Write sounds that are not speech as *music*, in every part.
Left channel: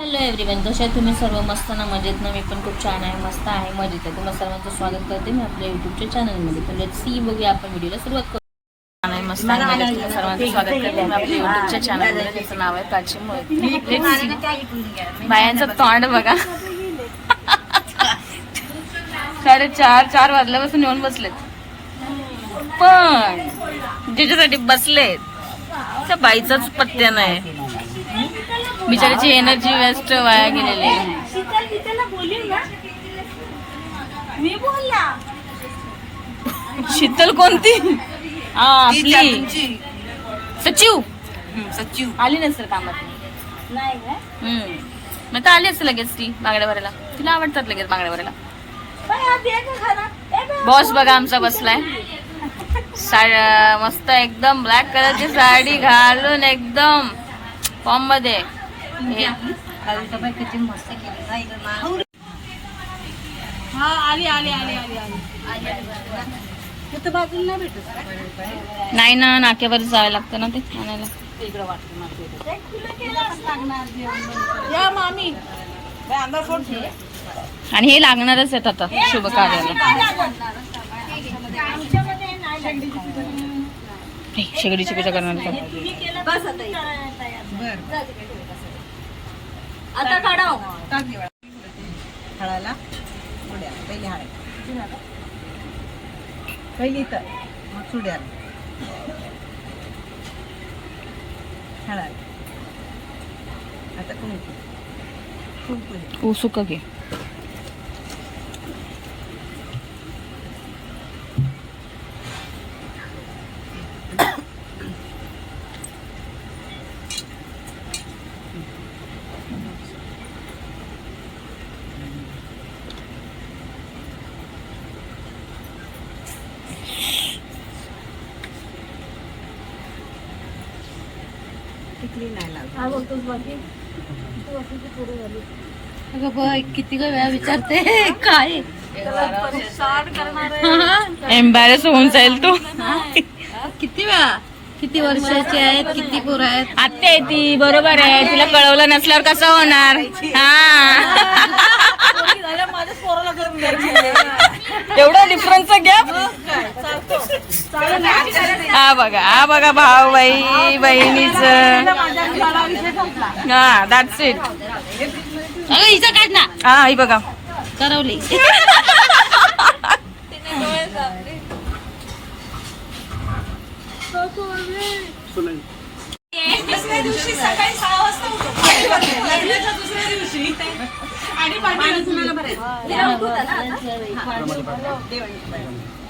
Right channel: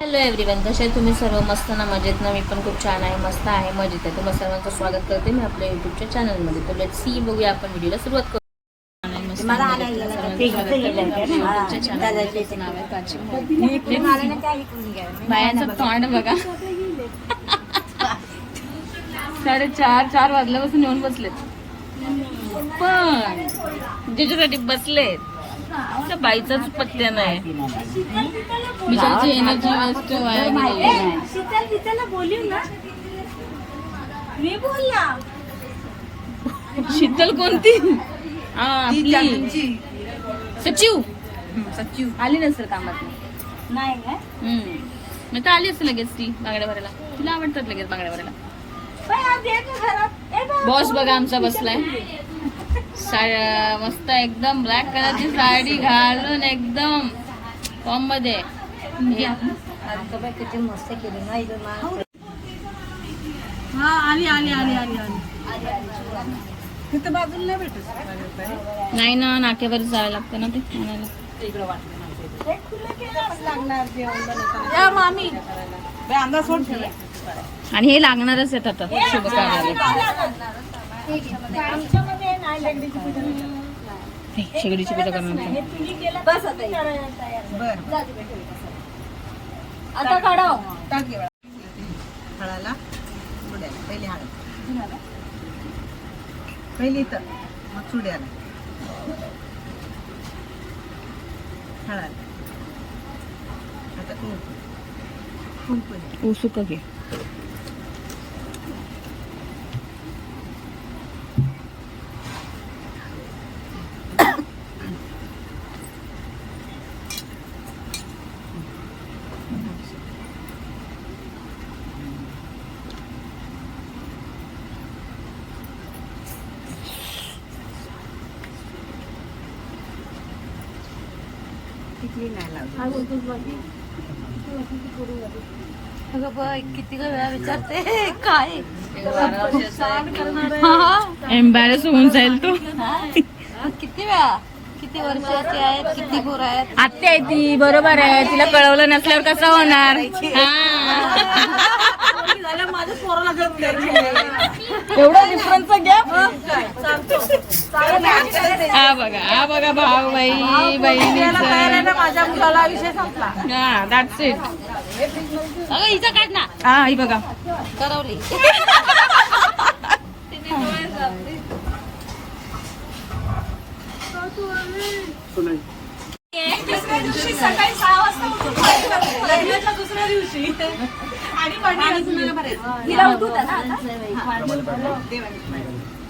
Hello everyone कसे आहे तुम्ही? सर्व मस्त ना? मजेत ना? मी पण खूप छान आहे मस्त आहे मजेत आहे. तुम्हाला सर्वांचं स्वागत करते मी आपल्या युट्यूबच्या चॅनलमध्ये तर लेट सी बघूया आपण व्हिडिओला सुरुवात करू. छान आहे मस्त आहे मजेत सर्वांचं स्वागत करते मी आपल्या युट्यूबच्या चॅनलमध्ये त्याचं नाव आहे प्राची मोहित बायांचं तोंड बघा. साडे चार चार वाजल्यापासून येऊन बसलेत. पण ज्याच्यासाठी बसलेत त्या बाईचाच पत्त्या नाही. बिचाराची एनर्जी वेस्ट वाया गेलेली आहे. शीतल गीताला बोलू ना. मी बोलला. शीतल कोणती? हा आपली. सचिव. सचिव. आली नसेल कामात. नाही मग तर आली असेल लगेच ती बांगड्या भरायला तिला आवडतात लगेच बांगड्या भरायला बॉस बघा आमचा बसलाय. सा- मस्त एकदम ब्लॅक कलरची साडी घालून एकदम फॉर्ममध्ये हे- मस्त केली नाही ना. तिथं बाजूला नाही भेटत नाही ना नाक्यावर जावं लागतं ना ते आणायला. मामी. आणि हे लागणारच आहेत आता शुभ कार्याला. हे, शेगडीची पूजा करणार. का? तुम्ही केलं बस आता काढाव. टाक. हळाला. सुड्याला. पहिली हळद. पहिली इथं. मग सुड्याला. हळद. आता कुंकू. कुंकू ओ सुका घे. टिकली नाही लावली. किती वेळा विचारते. काय? एम्बॅरेस होऊन जाईल तो. किती वेळा? किती वर्षाची आहेत किती पोरं आहेत? आत्या आहे ती बरोबर आहे. तिला कळवलं नसल्यावर कसं होणार? हा. *laughs* एवढा डिफरन्स घ्या. हा बघा हा बघा भाऊ बाई बहिणीच. माझ्या मुलाला विषय संपला. हा दॅट्स इट हिचं काढ ना. हा ही बघा. करवली. दुसऱ्या दिवशी सकाळी सहा वाजता उठून पाणी भरायचं. लग्नाच्या दुसऱ्या दिवशी. आणि पाणी भरायचं हिला उठवता ना आता?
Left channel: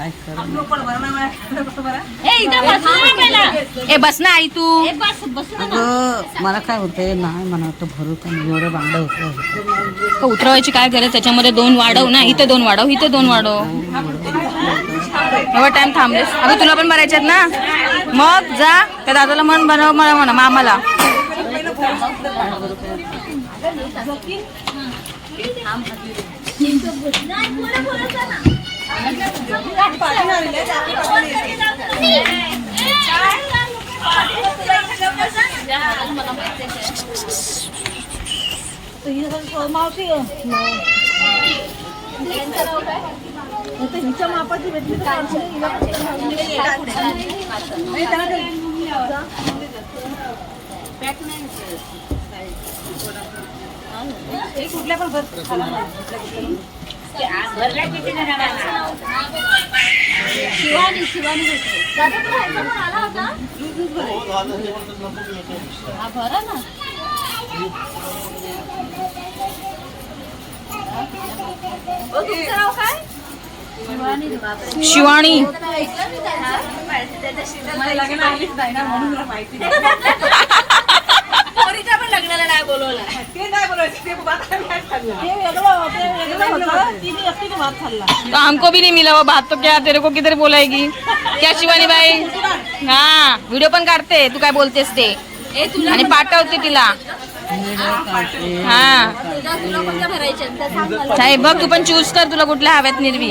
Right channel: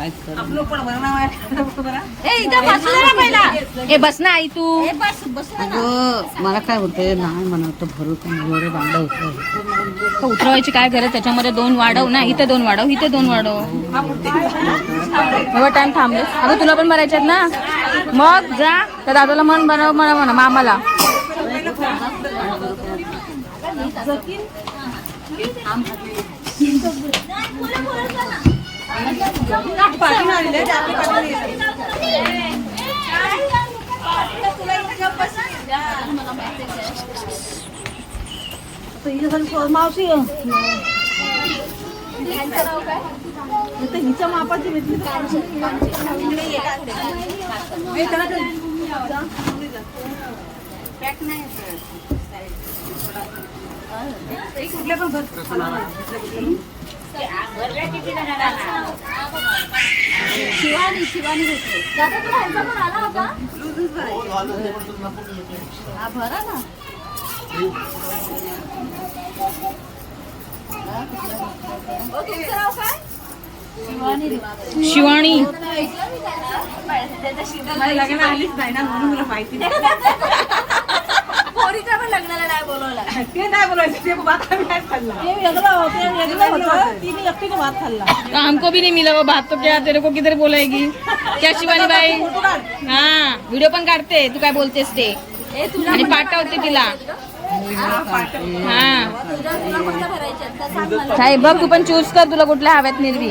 ए बसू ना पहिला. ए बस ना आई तू. ए, बस बस ना. अगं मला काय होतंय? नाही मला वाटतं भरू का नाही? एवढं बांगडं होतं उतरवायची काय गरज? त्याच्यामध्ये दोन वाढव ना. इथे दोन वाढव इथे दोन वाढव. एवढा टाइम थांबलेस. अगं तुला पण भरायचे आहेत ना? मग जा. त्या दादाला मन बनव मला म्हणा मामाला. मावशी हिच्या मापाची भेटली कुठल्या पण शिवानी शिवानी हा भरा ना. शिवाणी मला लग्न आलीच नाही ना म्हणून मला माहिती *laughs* नाही. पोरीच्या पण लग्नाला नाही बोलवला ते नाही बोलायचं ते भात आम्ही नाही खाल्लं. ते वेगळं ते वेगळं होतं. तिने एकटीने भात खाल्ला. तो हमको भी नहीं मिला वो बात तो क्या तेरे को किधर बोलाएगी? क्या शिवानी बाई हा व्हिडिओ पण काढते तू काय बोलतेस ते. आणि पाठवते तिला. हा. साहेब बघ तू पण चूज कर तुला कुठल्या हव्यात निर्वी.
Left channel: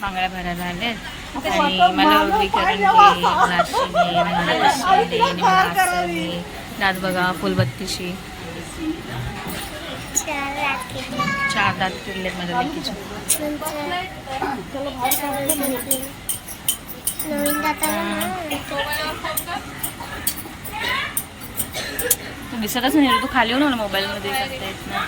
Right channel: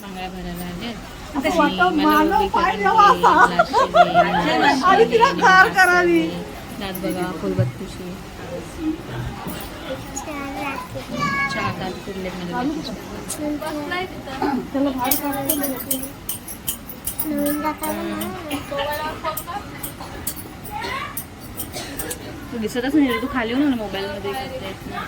बांगड्या भरायला आलेत. आणि मला उभी करून घे मला अशी घे आणि मला कशी दे आणि मला असं घे दात बघा फुलबत्तीशी चार दात फिरलेत माझ्या लेकीचे. नवीन दाताला तू दिसतच नाही रे, तू खाली येऊ ना मोबाईल मध्ये करता येत ना.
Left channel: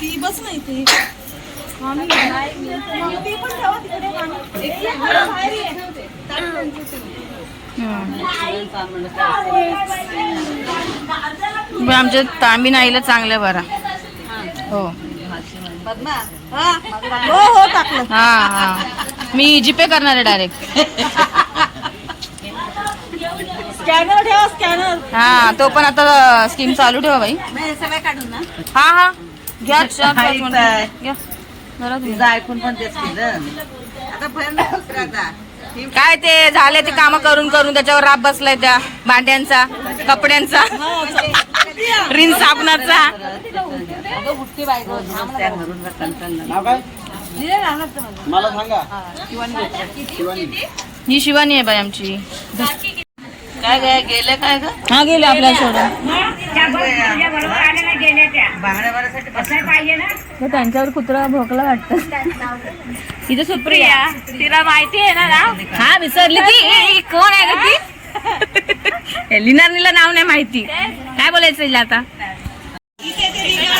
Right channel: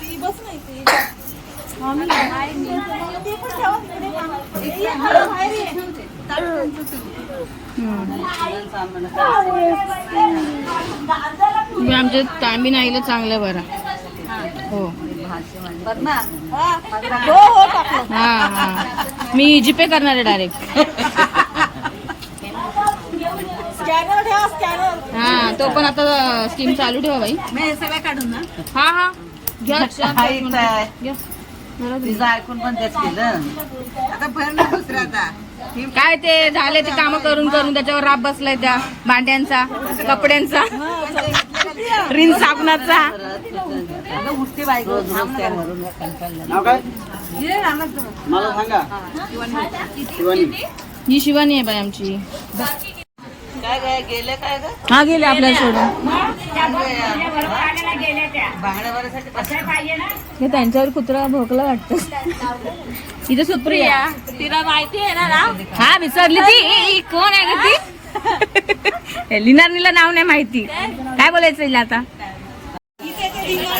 ती बस नाही ती पण आमच्या तांबीन आईला चांगलं बरा. हो. हा हा. मी जीपे करणार आहे डायरेक्ट स्कॅनर ठेवा स्कॅनर हा तो पण आता स्कीम चालू ठेवा बाई. मी सगळं काढून ना. हा हा. घ्या चार पाच हायच मिनिटं. आहे. घ्या. तुम्ही. ऐकून पण तेच केलं. आता भर ना दुसरं आता. काय ते झाले ते काम करून करून त्याच्यावर राब बसलाय त्या भांड्यांचा कपड्यांचा. रिन साबणाचा. *laughs* रोज रोज त्या भरून कंटाळला नाव काय? मला सांगा. शिवानी. ही शिवानी आहे बाई आमची. काय काय गेले काय ग? हा गेले आपल्याला सोडून हे त्यांच्यावर कुत्रा भोकला वाटत. इथं सुप्रिया. तिला माहिती आहे ना हा विसरली ती. कोण आहे ग ती? *laughs* लिनारनीला नाव नाही माहिती. काय बोलायचं हिला आता?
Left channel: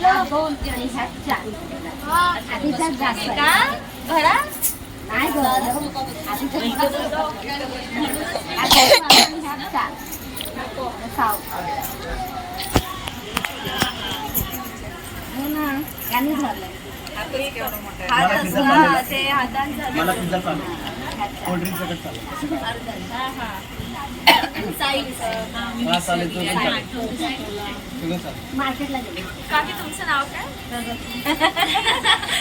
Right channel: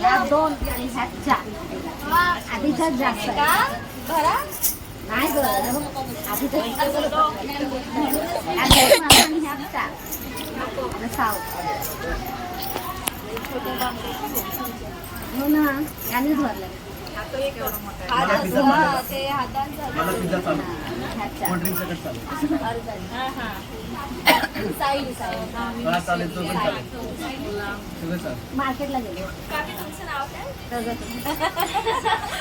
दोन आणि ह्यात चार आधीच्यात जास्त नाही गं आधीच्यात ह्यात चार साव हो ना आणि भरलं. मला पिझ्झा चालेल मला पिझ्झा चालेल कोल्ड्रिंक सकट चालेल. हा चालेल तो पण चालेल. सगळं चालेल. मार्केटला गेले. काकी तुमचं नाव काय?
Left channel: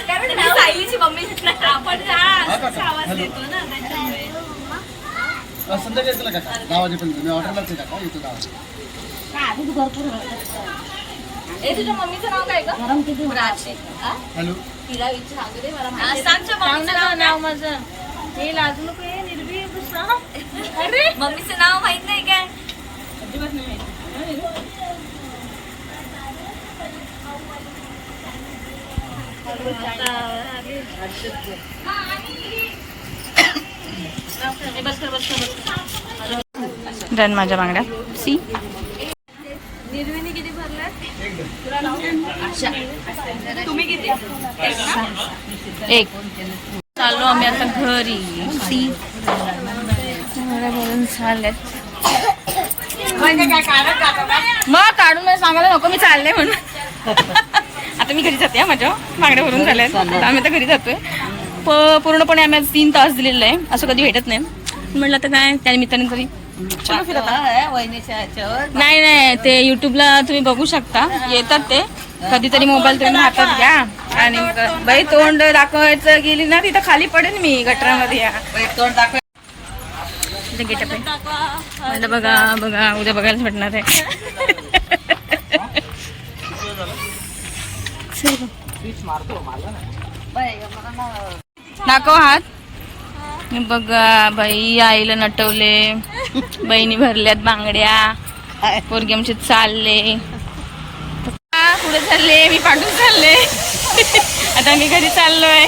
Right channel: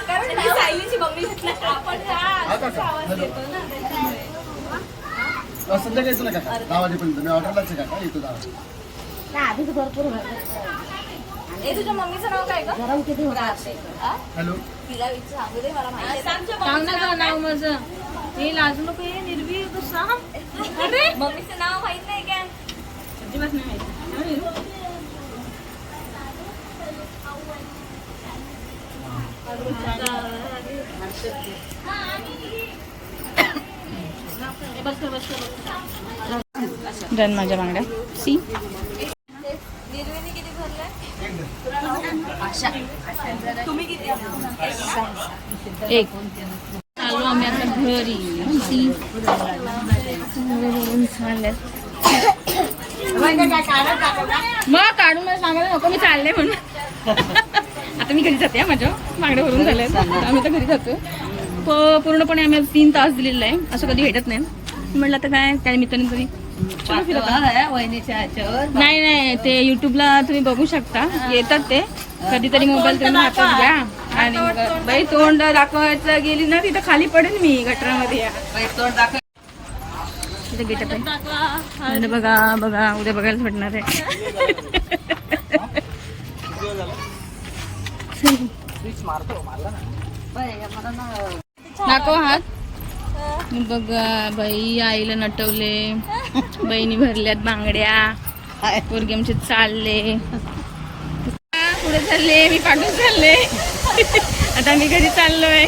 काय म्हणते? मी सायलीची मम्मी आपण हा काका. हॅलो अ, संध्याकाळी चला काका? दहा वाजेपर्यंत मी ऑर्डरलाच आहे काका. येतो दहा वाजे आधीच भरपूर होतं. ए तुझ्या मम्मीचं नाव काय गरम किती होतं? हॅलो तिला विचारू मला माहिती आहे. सांग नाव माझं. हे लाजू नको हे निर्भी सांग अरे! मम्मीचं नाव माहित नाही काय? अजिबात नाही माहिती हे बस कर बस कर बस कर डन माझ्या बांगड्या. सी. निर्विनी किती भरलाय? तुम्ही किती एक. आलो आम्ही आता घरी. सी. बांगड्या भरून मग काढून मला सांगायला नको मी चालले म्हणून. आता मी घरी जाते माझ्या. बांगड्या भरून झाल्यात. आम्ही आता घरी जातोय. प पूर्णपणे आम्ही आज तीन तास दिलेलं आहे. असं कधी भेटत नाही. म्हटलं आता काय त्या निमित्ताने तरी चलो आता. नाही नाही ते युट्यूबला तुम्ही बघू शकता. येतात ते. कधीतरी मोबाईल तुम्ही हातात घ्या. आणि बाई तोंड दाखवायचं गेली ना तिथं खाली पडेल मी गटरामध्ये. या तोंड दाखव. तिथे गेटअप आहे. म्हणलं बघा बघा उद्या बघायला भेटणार आहे. दाखव हात. बघा बाई आईला नटवले. बहिणी भरल्यात बांगड्या. पोरगी आमचे चालले. पुढे चालले मी पाठून चालले. आता मी घरी चाललोय.